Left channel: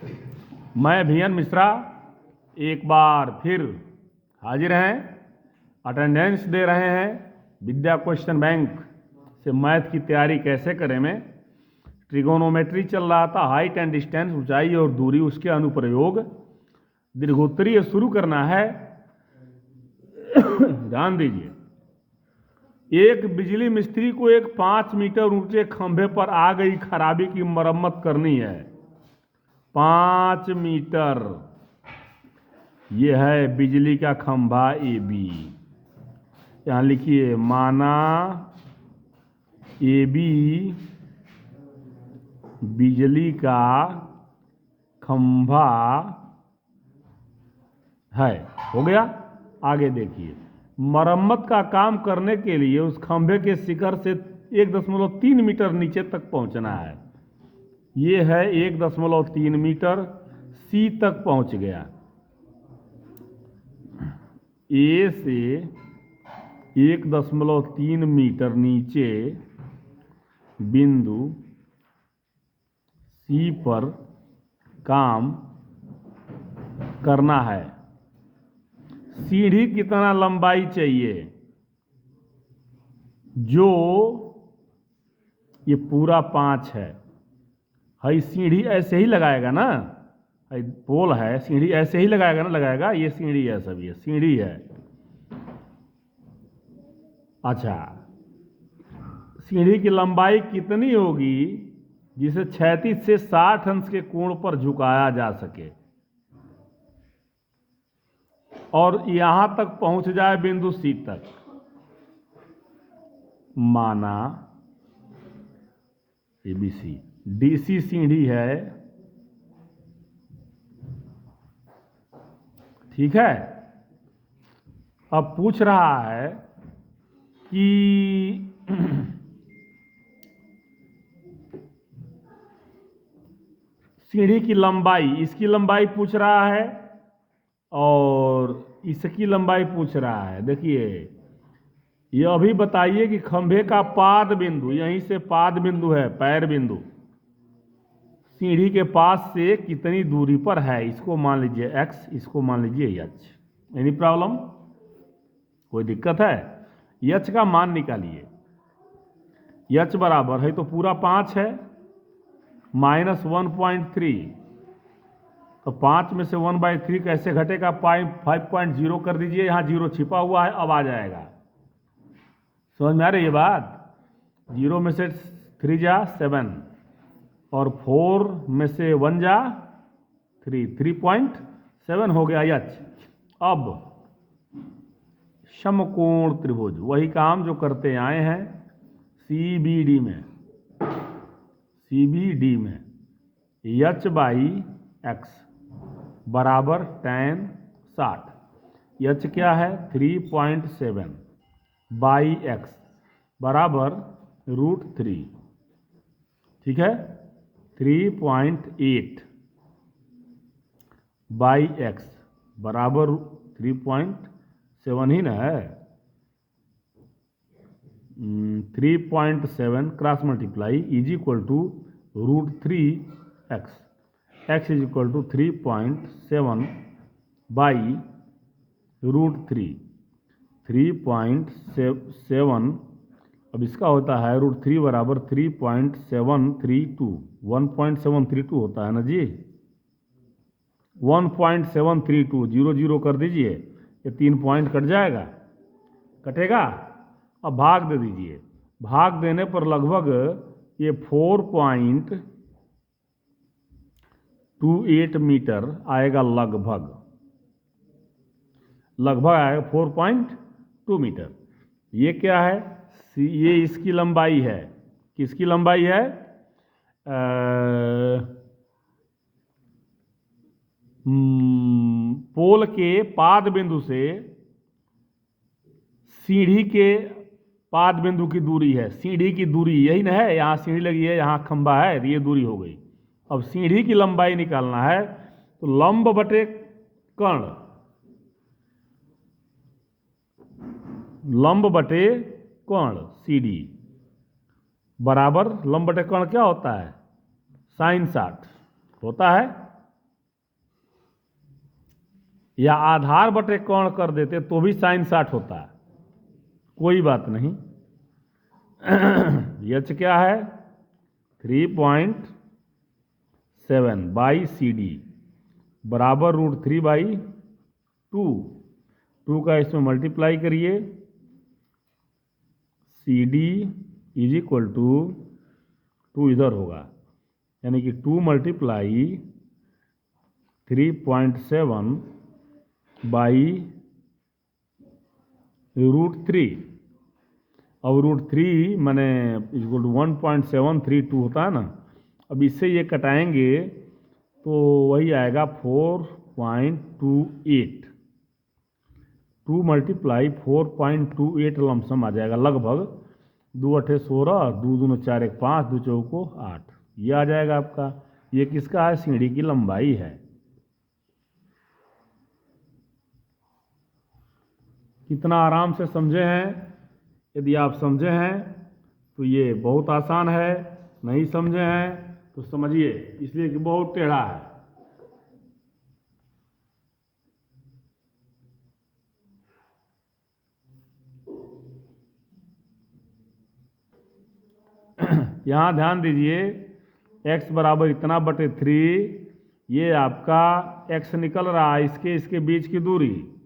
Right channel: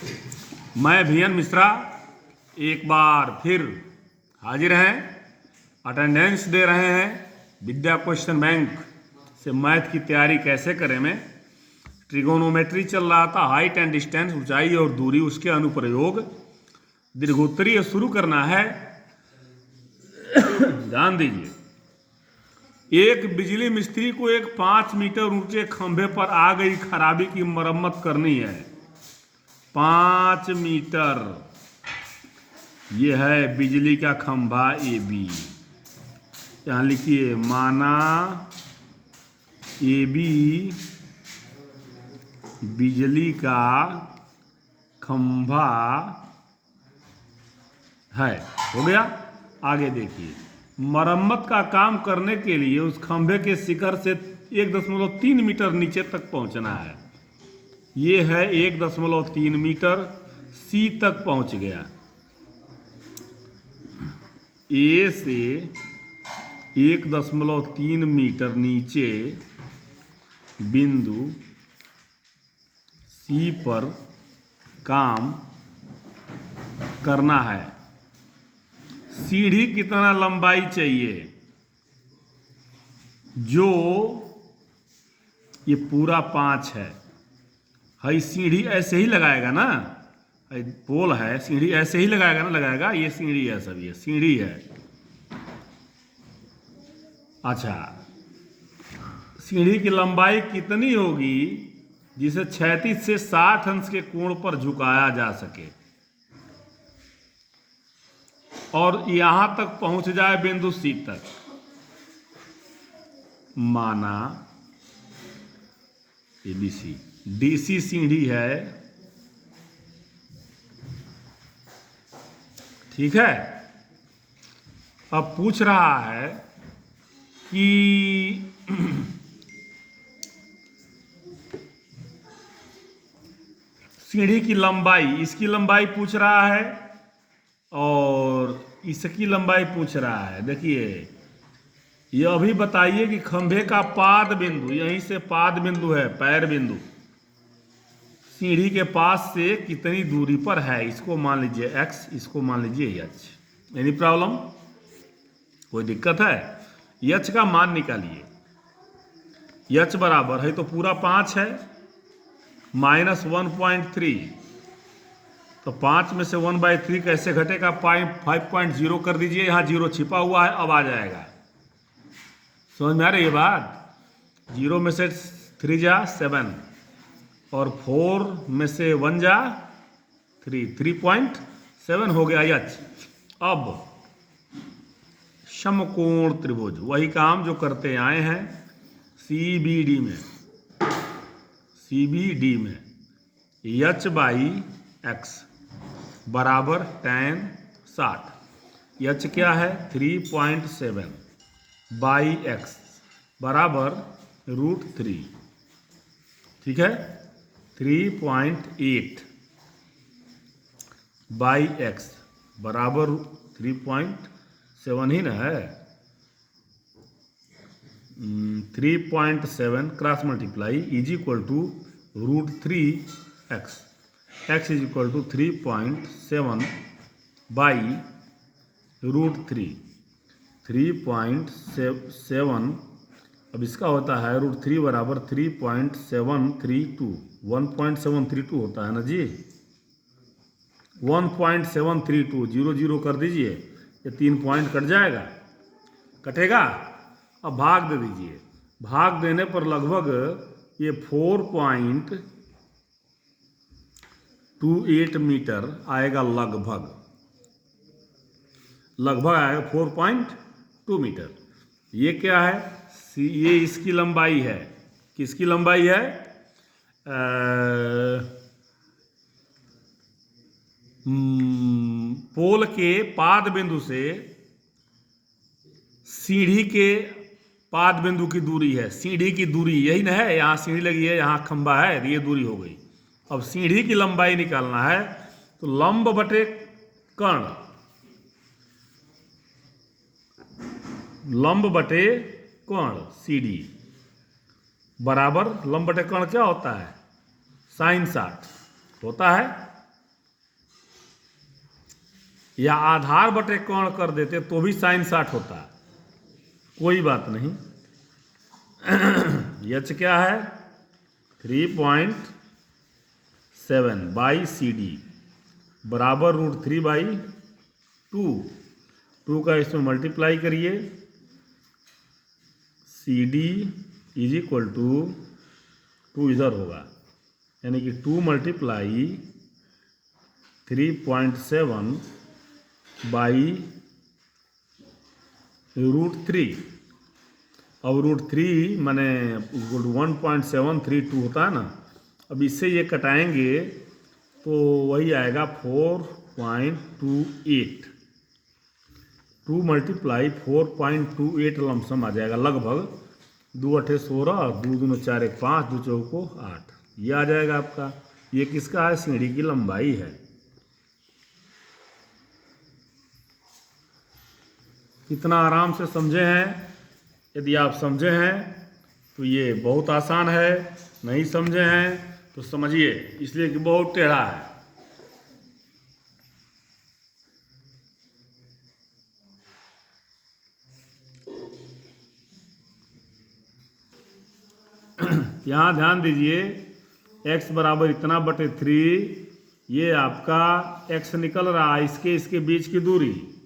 मैं VN मिश्रा एक बार फिर हाजिर हैं। अटेंडेंस दे रहे हैं विद्या क्वेश्चन बैंक से। मैथ की तैयारी कैसे करें में ट्रिगोनोमेट्री चल रहा था, हाइट एंड डिस्टेंस, ऊंचाई और दूरी, उसके अनुप्रयोग, दीर्घोत्तरीय शुरू करना है। ध्यान दीजिए, एक बिजली मिस्त्री को एक 5 मीटर ऊंचे खंभे पर आ गई खराबी की मरम्मत करनी है। 5 मीटर, यह है बिजली का खंभा AB। यहां लिखिए, माना AB बिजली का खंभा है। हो गया। आगे देखिए, मरम्मत का काम करने के लिए उस खंभे के शिखर से 1.3 मीटर नीचे तक पहुंचना है। ये है 1.3 मीटर, C तक पहुंच गया। A से 1.3 मीटर नीचे बिंदु C पर काम करना है। सीढ़ी कितना लंबाई चाहिए? जो ये पूरा 5 है, हई सीढ़ी ऐसे ही लगाएगा ना, पोल है, सीढ़ी ऐसे ही लगाएगा ना, लगाएगा। ये सीढ़ी है, सब ये सीढ़ी है। अच्छा, सीढ़ी की लंबाई कितनी होगी जिसे क्षैतिज से 60 अंश के कोण पर झुकाया जा सके और यहां तक पहुंच जाए बिंदु C तक? माना ABC DC सीढ़ी है, ठीक है। अब पूछ रहा है कि सीढ़ी की लंबाई, इसकी लंबाई पूछ रहा है और इसकी लंबाई पूछ रहा है। देखिए, ये अभी बताइए कि खंभे का पाद बिंदु, यहीं से पाद बिंदु है, पैर बिंदु, सीढ़ी के पास से कितनी दूरी पर है। इसको मान लीजिए X, इसको मान लीजिए H। Any problem? कोई दिक्कत है? H का मान निकालिए। H बराबर है, तो पूरा 5 है, माइनस 1.3, तो 5 में से 1/3 कैसे घटेगा? 5.0 कर दीजिए, यहाँ 0 छिपा हुआ है, अब आ जाएगा। समझ में आ रही है बात? 0 में से 3 जा 7 और 4 में से 1 जा 3, 3.7 हो गया H। अब समकोण त्रिभुज, वही काम जो करते आए हैं CBD में, H/X बराबर tan 60। H क्या है? 3.7 बाई X बराबर √3, ठीक है। 3.8 बाई X बराबर 3.7 ही ना है। 3.7 cross multiply is equal to √3x। x is equal to 3.7 by √3। 3.7, अब इसका होता है √3 बराबर 3.732, 1.732 होता है ना जी। 1.732, 0 0 कर दीजिए, ये 3 पॉइंट कट जाएगा, कटेगा। अब भाग दे दीजिए, भाग देने पर लगभग ये 4.28 मीटर आएगा, लगभग आएगा 4.2 मीटर। ये क्या है? ये इसकी लंबाई है। किसकी लंबाई है? पोल के पाद बिंदु से सीढ़ी के पाद बिंदु की दूरी है। सीढ़ी की दूरी यही ना है, यहाँ सीढ़ी लगी है, यहाँ खंभा है, ये दूरी हो गई। अब सीढ़ी की लंबाई निकालना है, तो लंब बटे कर्ण, लंब बटे कर्ण CD बराबर लंब बटे कर्ण क्या होता है? sin 60 होता है। या आधार बटे कौन कर देते तो भी साइन 60 होता, कोई बात नहीं। एच क्या है 3.7 बाई सी डी बराबर √3/2। 2 का इसमें मल्टीप्लाई करिए, C D is equal to 2 इधर होगा, यानी कि 2 मल्टीप्लाई 3.7 बाई √3। अब √3 माने 1.732 होता है ना। अब इससे ये कटाएंगे तो वही आएगा 4.28। 2 मल्टीप्लाई 4.28 लमसम आ जाएगा लगभग। 2 8 16, 2 2 4 1 5, 2 4 8, ये आ जाएगा आपका। ये किसका है, सीढ़ी की लंबाई है। कितना आराम से समझे हैं। यदि आप समझे हैं तो ये बहुत आसान है, नहीं समझे हैं तो समझिए, इसलिए कि बहुत टेढ़ा है। यहाँ ध्यान दीजिए, x बराबर इतना बटे 3, ये आपका x निकल रहा है, इसके बीच की दूरी।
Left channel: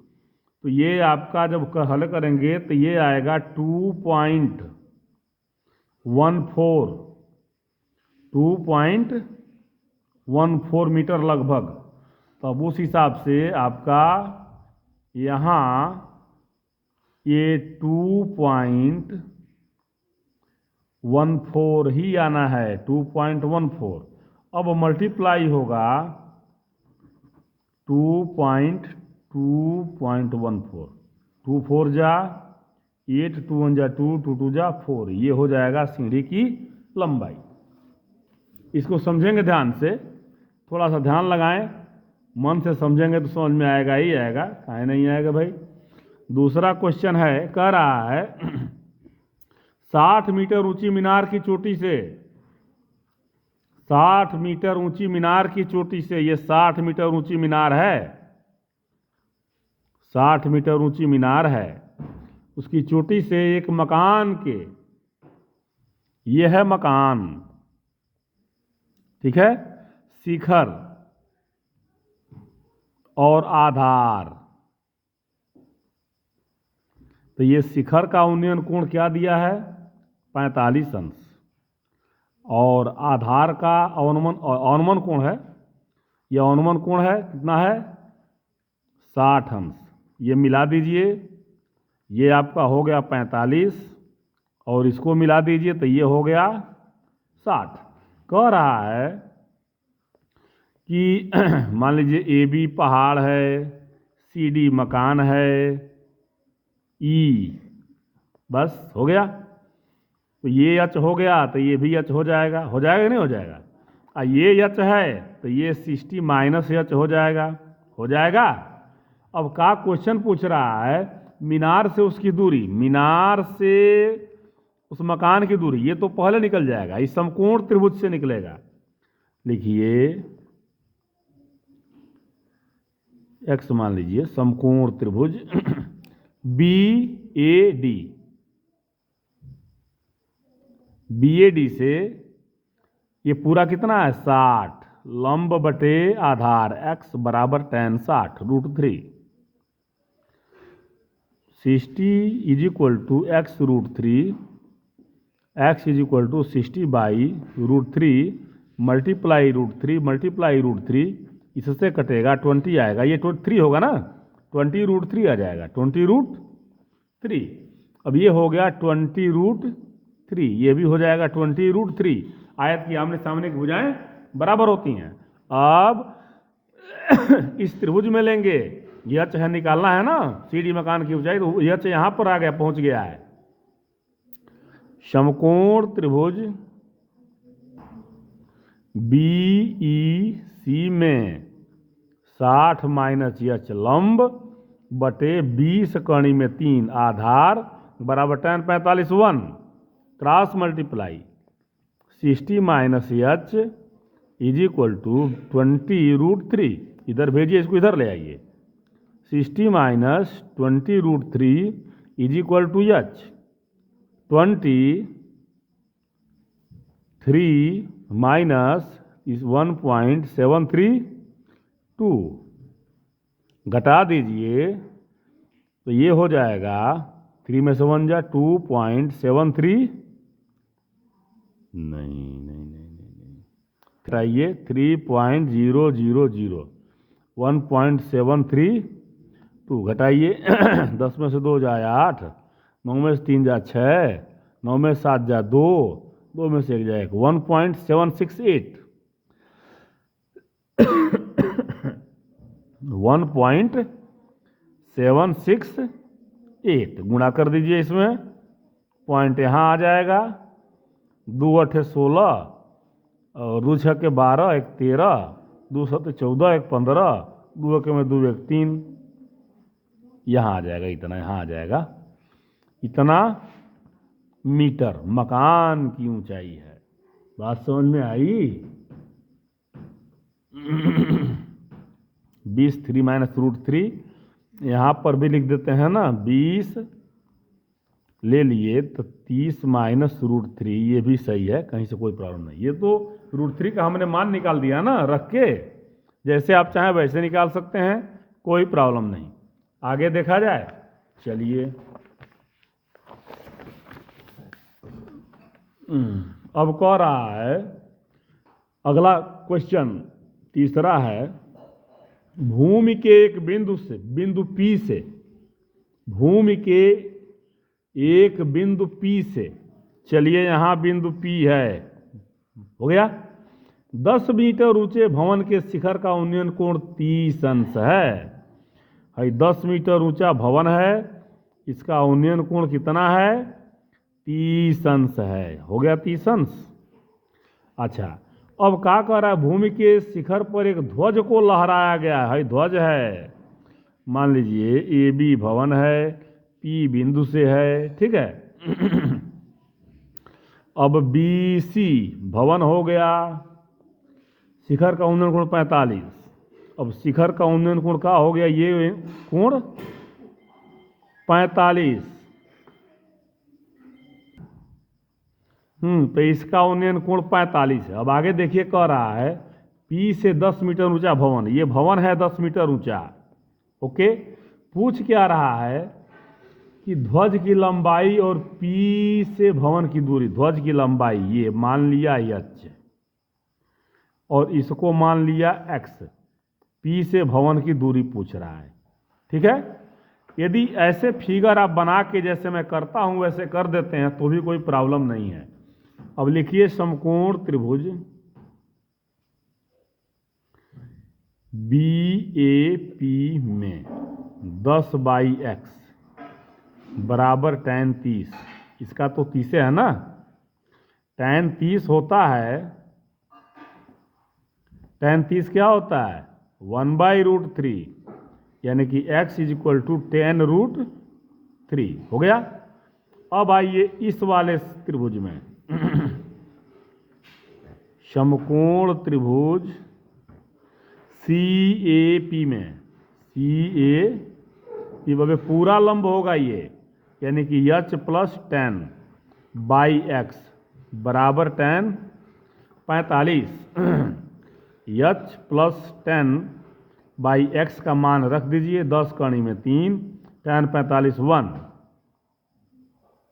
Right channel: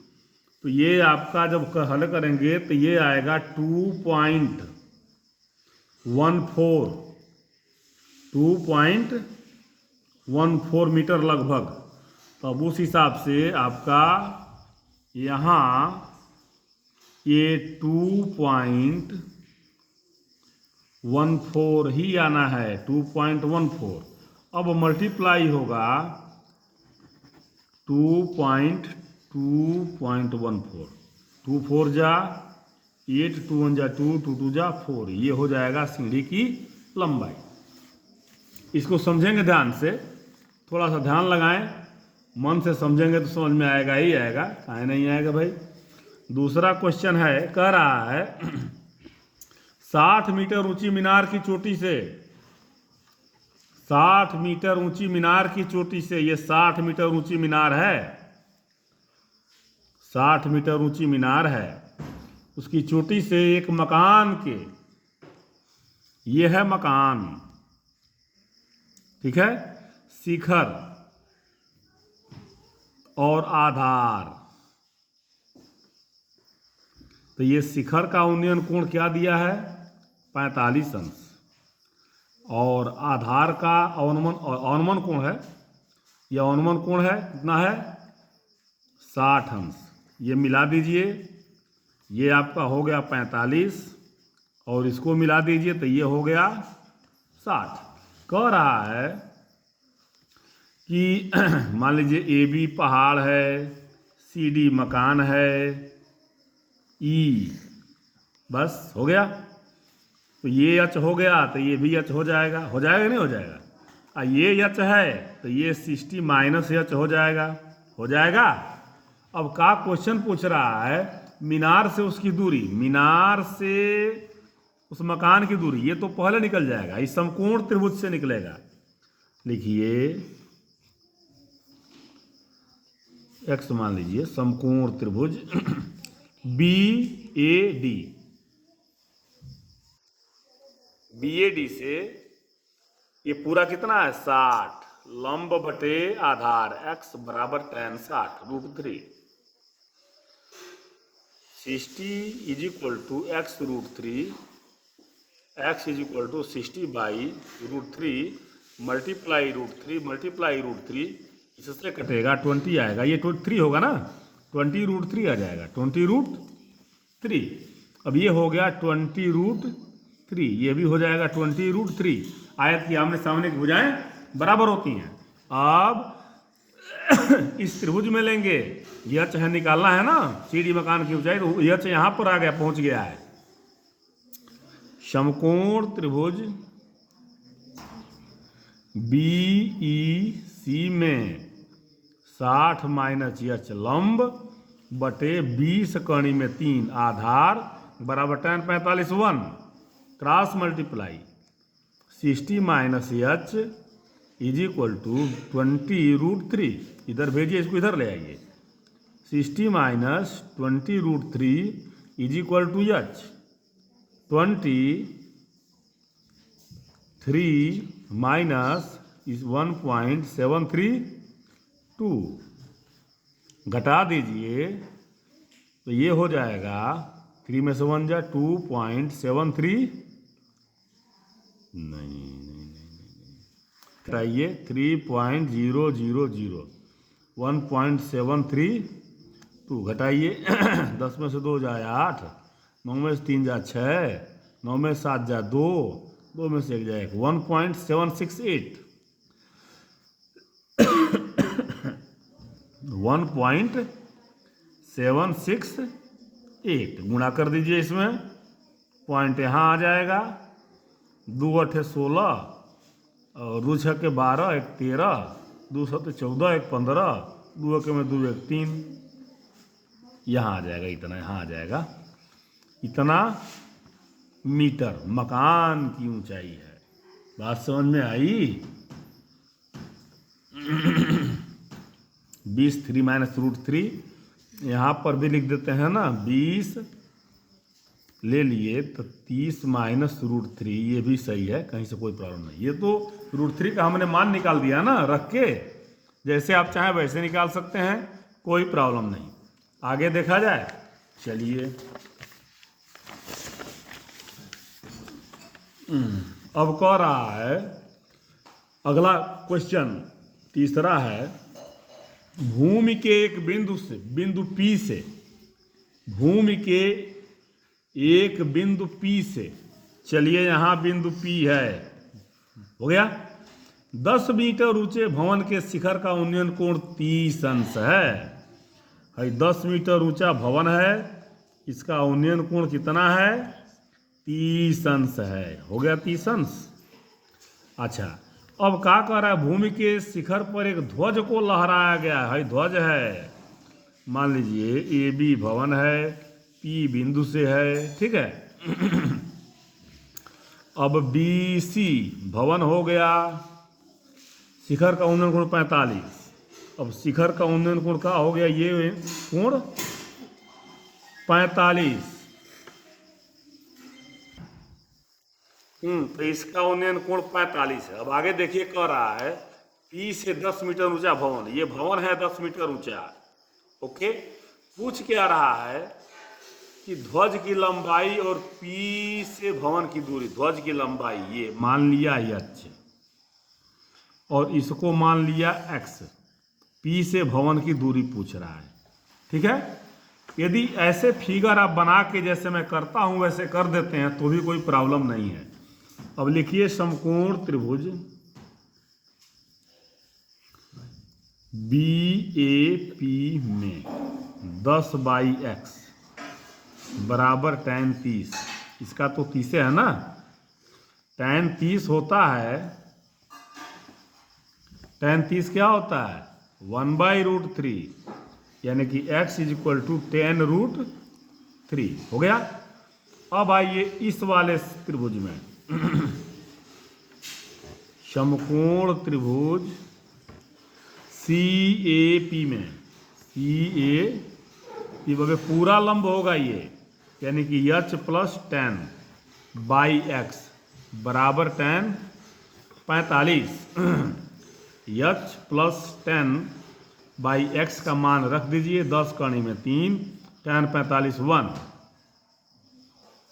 तो ये आपका जब हल करेंगे तो ये आएगा 2.14 मीटर लगभग। तो अब उस हिसाब से आपका यहाँ ये 2.14 ही आना है, 2.14। अब मल्टीप्लाई होगा 2.14, 2 4 जा 8, 2 1 जा 2, 2 2 जा 4, ये हो जाएगा सीढ़ी की लंबाई। इसको समझेंगे ध्यान से, थोड़ा सा ध्यान लगाएं, मन से समझेंगे तो समझ में आएगा ही आएगा, काहे नहीं आएगा भाई। दूसरा क्वेश्चन है, कह रहा है 60 मीटर ऊंची मीनार की चोटी से, 60 मीटर ऊंची मीनार की चोटी से, ये 60 मीटर ऊंची मीनार है, 60 मीटर ऊंची मीनार है, उसकी चोटी से एक मकान के, ये है मकान, ठीक है, शिखर और आधार। तो ये शिखर का उन्नयन कोण क्या दिया है 45 अंश, और आधार का अवनमन कोण है, यह अवनमन कोण है कितना है 60 अंश। ये मिला दीजिए, ये आपका हो गया 45 और इसको मिला दीजिए तो ये हो गया 60। कह रहा है कि मान लीजिए ए बी पहाड़ है, सी डी मकान है, ई बस हो गया। तो ये एच हो गया तो ये भी एच हो जाएगा, हो जाएगा नहीं हो जाएगा। ये एच है तो ये 60 माइनस एच हो जाएगा, हो जाएगा। अब का क्वेश्चन पूछ रहा है मीनार से उसकी दूरी, मीनार से उस मकान की दूरी, ये तो पहले निकल जाएगा, इस समकोण त्रिभुज से निकलेगा। लिखिए एक्स मान लीजिए समकोण त्रिभुज BAD से ये पूरा कितना है 60, लंब बटे आधार x बराबर tan 60 √3, 60 is equal to x √3, x is equal to 60 by √3 multiply √3 इससे कटेगा 20 आएगा, ये 3 होगा ना, 20 √3 आ जाएगा, 20 √3। अब ये हो गया 20 √3, ये भी हो जाएगा 20 √3। आयत की आमने सामने की भुजाएं बराबर होती हैं। अब इस त्रिभुज में लेंगे, यह चाहे निकालना है ना सीढ़ी मकान की ऊंचाई, तो यह चाहे यहां पर आ गया, पहुंच गया है। समकोण त्रिभुज BEC में 60 माइनस एच लंब बटे 20 कणी में 3 आधार बराबर tan 45 1, cross multiply 60 minus H is equal to 20 √3, इधर भेजिए, इसको इधर ले आइए, 60 minus 20√3 is equal to H. 23 minus इस 1.732 घटा दीजिए तो ये हो जाएगा 3 में से 1 जा 2.73 नहीं घटाइए 3.000 1.732 घटाइए 10 में से 2 जाए 8, 9 में से 3 जा 6, 9 में से 7 जा 2, 2 में से 1 जाए 1.768 1.768 गुणा कर दीजिए इसमें, पॉइंट यहाँ आ जाएगा, 2 8 16 और 2 6 के 12, 1 13, 2 7 14, 1 15, 2 1 में 2 1 3, यहाँ आ जाएगा इतना, यहाँ आ जाएगा इतना मीटर मकान की ऊंचाई है। बात समझ में आई? 20 3 माइनस √3 यहाँ पर भी लिख देते हैं ना, 20 ले लिए तो 30 माइनस √3, ये भी सही है, कहीं से कोई प्रॉब्लम नहीं। ये तो √3 का हमने मान निकाल दिया ना रख के, जैसे आप चाहें वैसे निकाल सकते हैं, कोई प्रॉब्लम नहीं। आगे देखा जाए, चलिए अब कह रहा है अगला क्वेश्चन, तीसरा है, भूमि के एक बिंदु से, बिंदु P से, भूमि के एक बिंदु P से, चलिए यहाँ बिंदु P है, हो गया, 10 मीटर ऊंचे भवन के शिखर का उन्नयन कोण 30 अंश है। 10 मीटर ऊंचा भवन है, इसका उन्नयन कोण कितना है? 30 अंश है। हो गया 30 अंश। अच्छा, अब क्या कह रहा है, भूमि के शिखर पर एक ध्वज को लहराया गया है। ध्वज है, मान लीजिए AB भवन है, P बिंदु से है, ठीक है। अब BC भवन हो गया, शिखर का उन्नयन कोण 45। अब शिखर का उन्नयन कोण क्या हो गया? ये कोण 45। तो इसका उन्नयन कोण 45 है। अब आगे देखिए, कह रहा है P से 10 मीटर ऊंचा भवन, ये भवन है 10 मीटर ऊंचा, ओके। पूछ क्या रहा है कि ध्वज की लंबाई और P से भवन की दूरी, ध्वज की लंबाई ये मान लिया h और इसको मान लिया x, P से भवन की दूरी पूछ रहा है, ठीक है। यदि ऐसे फिगर आप बना के जैसे मैं करता हूं वैसे कर देते हैं तो भी कोई प्रॉब्लम नहीं है। अब लिखिए, समकोण त्रिभुज BAP में 10/x बराबर tan 30, इसका तो 30 है ना, tan 30 होता है, tan 30 क्या होता है? 1/√3, यानी कि x is equal to tan√3। हो गया। अब आइए इस वाले त्रिभुज में, समकोण त्रिभुज CAP में, CAP वगैरह पूरा लंब होगा ये, यानी कि h + tan/x बराबर tan 45। h + tan/x का मान रख दीजिए, 10 कड़ी में 3, tan 45 1,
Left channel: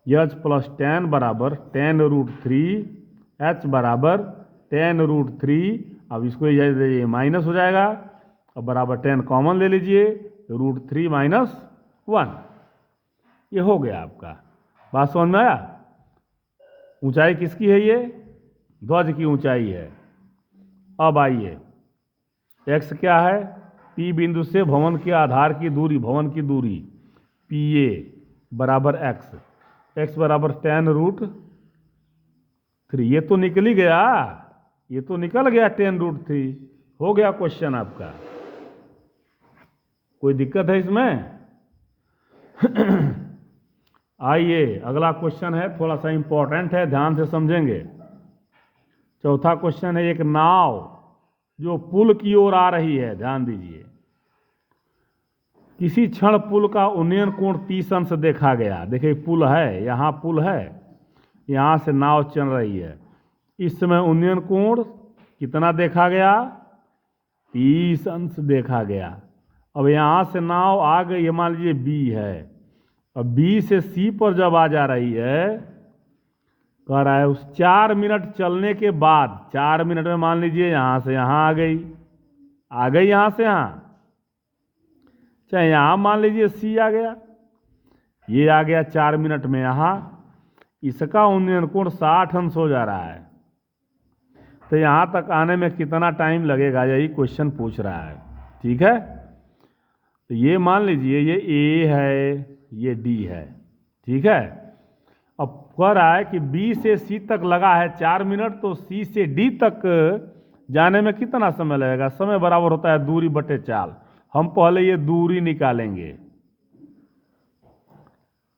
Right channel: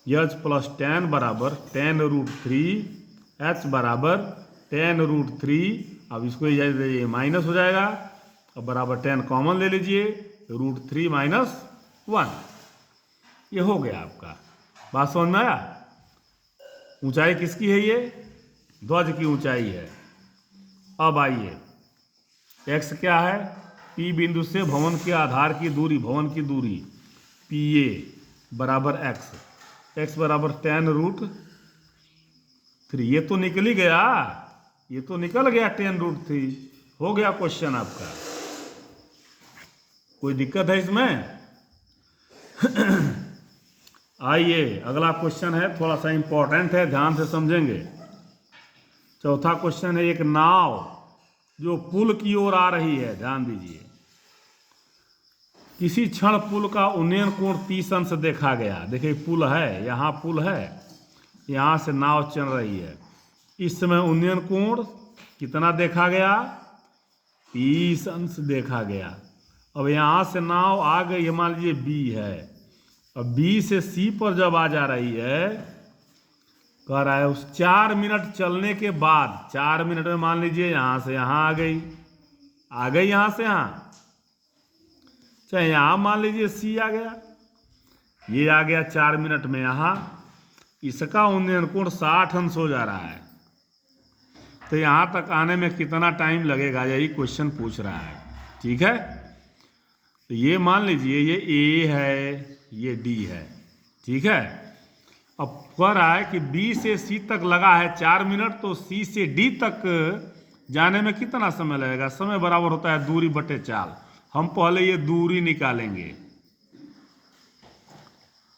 h + tan बराबर tan√3, h बराबर tan√3। अब इसको ये माइनस हो जाएगा, अब बराबर tan कॉमन ले लीजिए, √3 - 1, ये हो गया आपका। बात समझ में आया? ऊंचाई किसकी है? ये ध्वज की ऊंचाई है। अब आइए, x क्या है? P बिंदु से भवन के आधार की दूरी, भवन की दूरी PA बराबर x, x बराबर tan√3। ये तो निकल ही गया, ये तो निकल गया tan√3। हो गया क्वेश्चन आपका। कोई दिक्कत है इसमें? आइए अगला क्वेश्चन है, थोड़ा सा इंपॉर्टेंट है, ध्यान से समझेंगे। चौथा क्वेश्चन है, एक नाव जो पुल की ओर आ रही है, ध्यान दीजिए, किसी क्षण पुल का उन्नयन कोण 30 अंश देखा गया। देखिए पुल है, यहाँ पुल है, यहाँ से नाव चल रही है, इस समय उन्नयन कोण कितना देखा गया? 30 अंश देखा गया। अब यहाँ से नाव आ गई, मान लीजिए बी है, अब बी से सी पर जब आ जा रही है, कह रहा है उस 4 मिनट चलने के बाद, 4 मिनट में मान लीजिए यहाँ से यहाँ आ गई, यहाँ से यहाँ, चाहे यहाँ मान लीजिए सी आ गया, ये आ गया 4 मिनट में यहाँ, इसका उन्नयन कोण 60 अंश हो जा रहा है। तो यहाँ तक आने में कितना टाइम लगेगा, यही क्वेश्चन पूछ रहा है। ठीक है, तो ये मान लीजिए ये ए है, ये डी है। ठीक है, अब कह रहा है कि बी से सी तक लगा है 4 मिनट, तो सी से डी तक जाने में कितना समय लगेगा? समय बराबर होता है दूरी बटे चाल। हम पहले ये दूरी निकालेंगे,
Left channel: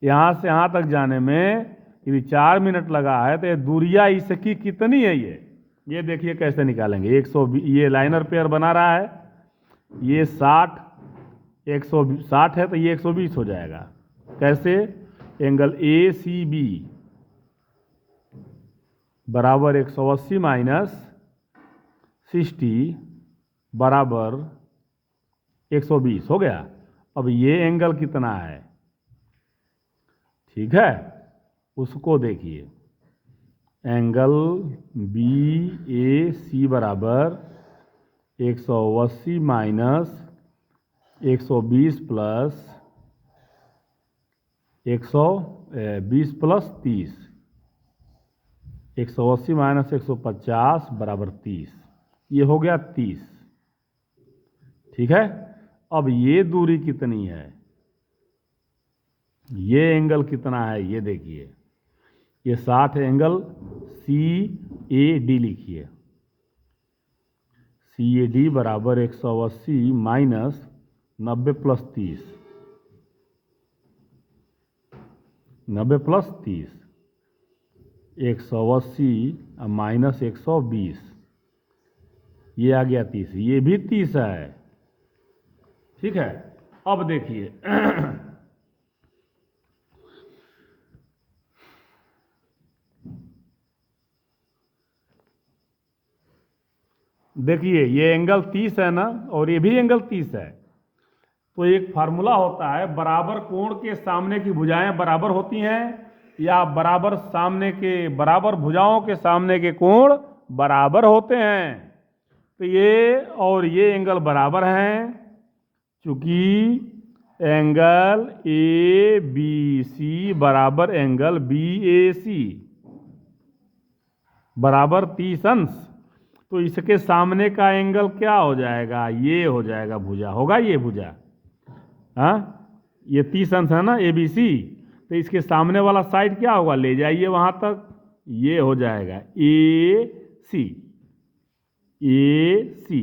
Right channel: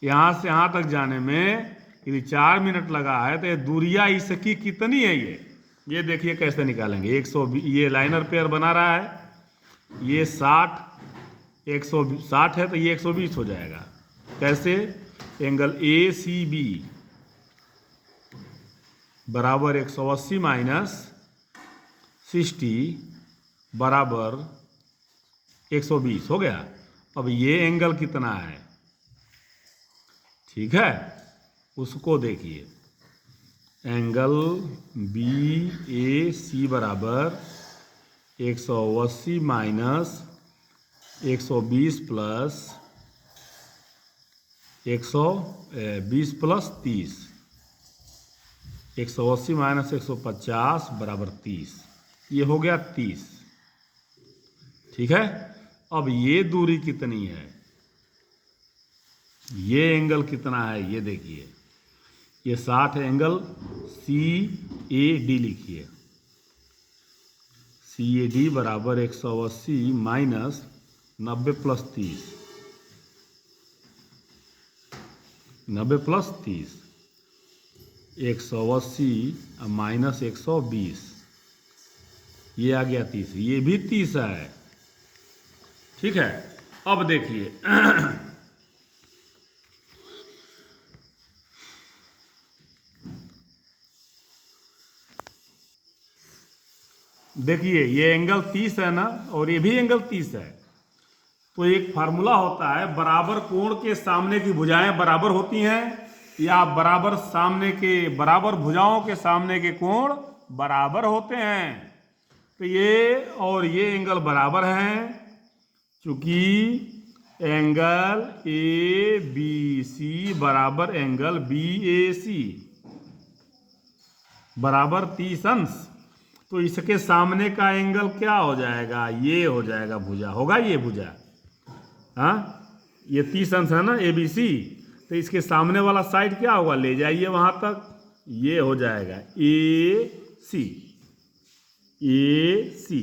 यहाँ से यहाँ तक जाने में यदि 4 मिनट लगा है तो ये दूरिया इसकी कितनी है? ये देखिए कैसे निकालेंगे। 120, ये लाइनर पेयर बना रहा है, ये 60, 160 है तो ये 120 हो जाएगा। कैसे? एंगल ए सी बी बराबर 180 माइनस 60 बराबर 120 हो गया। अब ये एंगल कितना है? ठीक है, उसको देखिए, एंगल बी ए सी बराबर 180 माइनस 120 प्लस 120 प्लस 30, 180 माइनस 150 बराबर 30, ये हो गया 30। ठीक है, अब ये दूरी कितनी है, ये एंगल कितना है, ये देखिए, ये 60 एंगल सी ए डी लिखिए, सी ए डी बराबर 180 माइनस 90 प्लस 30, 90 प्लस 30, 180 माइनस 120, ये आ गया 30, ये भी 30 है। ठीक है, अब देखिए देखिए ये एंगल 30 है ना, और ये भी एंगल 30 है। तो एक फार्मूला होता है, बराबर कोण के सामने की भुजाएं बराबर होती हैं, या बराबर भुजाओं के सामने के कोण बराबर होते हैं। तो ये और ये एंगल बराबर हैं, चूंकि एंगल ए बी सी बराबर एंगल बी ए सी बराबर 30 अंश। तो इसके सामने का एंगल क्या हो जाएगा? ये हो जाएगा भुजा, होगा ये भुजा, हाँ, ये 30 अंश है ना ए बी सी, तो इसके सामने वाला साइड क्या होगा? ले जाइए वहां तक, ये हो जाएगा ए सी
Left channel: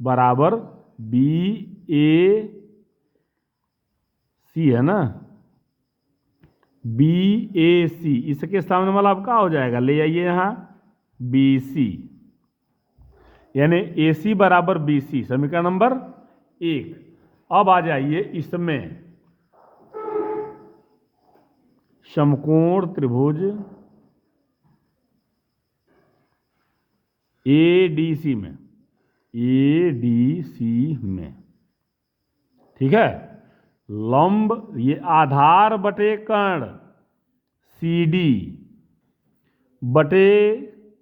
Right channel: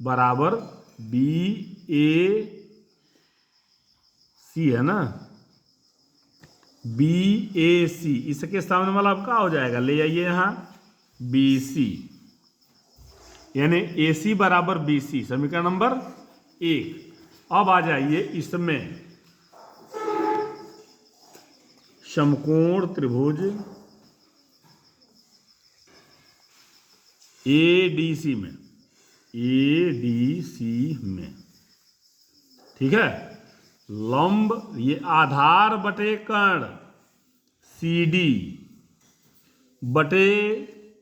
बराबर बी ए सी है ना, बी ए सी, इसके सामने वाला अब क्या हो जाएगा? ले जाइए यहाँ बी सी, यानी ए सी बराबर बी सी, समीकरण नंबर 1। अब आ जाइए इसमें, समकोण त्रिभुज एडीसी में, ठीक है, लंब ये आधार बटे कर्ण सी डी बटे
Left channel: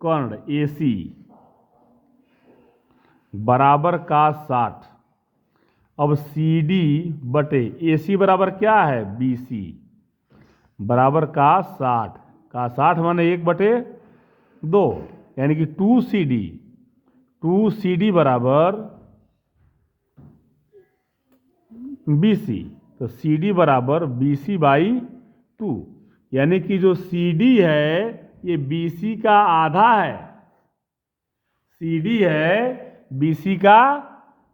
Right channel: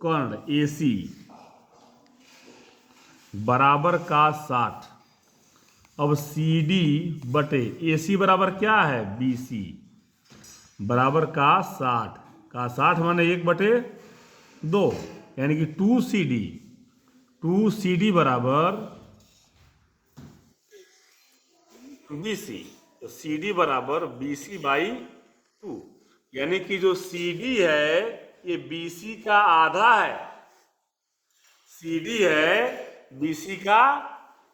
कर्ण ए सी बराबर का 60। अब सी डी बटे ए सी बराबर क्या है? बी सी बराबर का 60, का 60 माने 1/2, यानी कि 2 सी डी बराबर बी सी, तो सी डी बराबर बी सी बाई 2, यानी कि जो सी डी है ये बी सी का आधा है, सी डी है बीसी का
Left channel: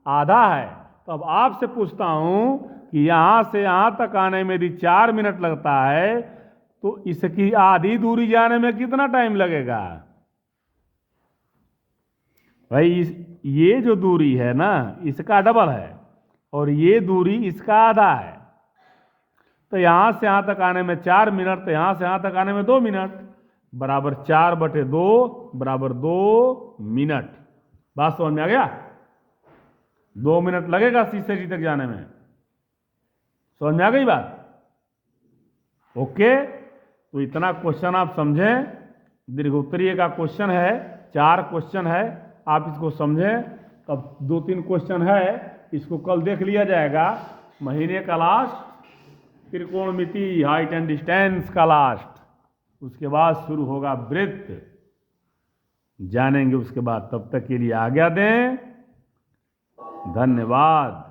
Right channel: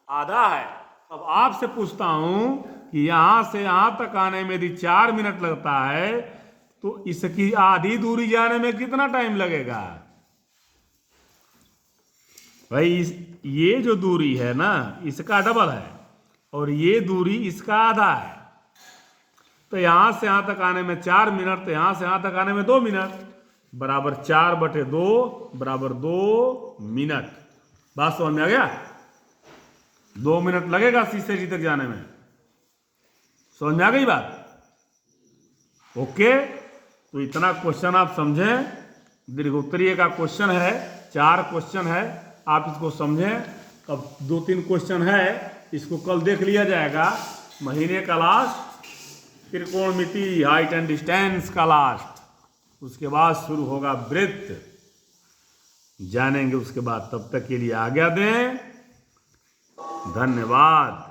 आधा है। तो अब आपसे पूछता हूं कि यहां से यहां तक आने में यदि 4 मिनट लगता है तो इसकी आधी दूरी जाने में कितना टाइम लगेगा? भाई ये जो दूरी है ना इसका डबल है, और ये दूरी इसका आधा है। तो यहां से यहां तक आने में 4 मिनट, तो यहां से यहां तक आने में 2 मिनट, बराबर 4/2 बराबर 2 मिनट। बात समझ में आ गया? 2 मिनट लगेगा शीशे की तक जाने में। समझ में आ गई बात? ओके, तो इतना क्वेश्चन आप समझें। दीर्घोत्तरीय का क्वेश्चन है, 4 क्वेश्चन है, आप इसको समझें। अब 2-3 क्वेश्चन है, इसको कल देख लिया जाएगा। महीने का लास्ट, त्रिकोणमिति, हाइट एंड डिस्टेंस का लास्ट, उसके बाद शुरू होगा वृत्त, जानेंगे उसके बाद। तब तक के लिए आज्ञा दें, धन्यवाद।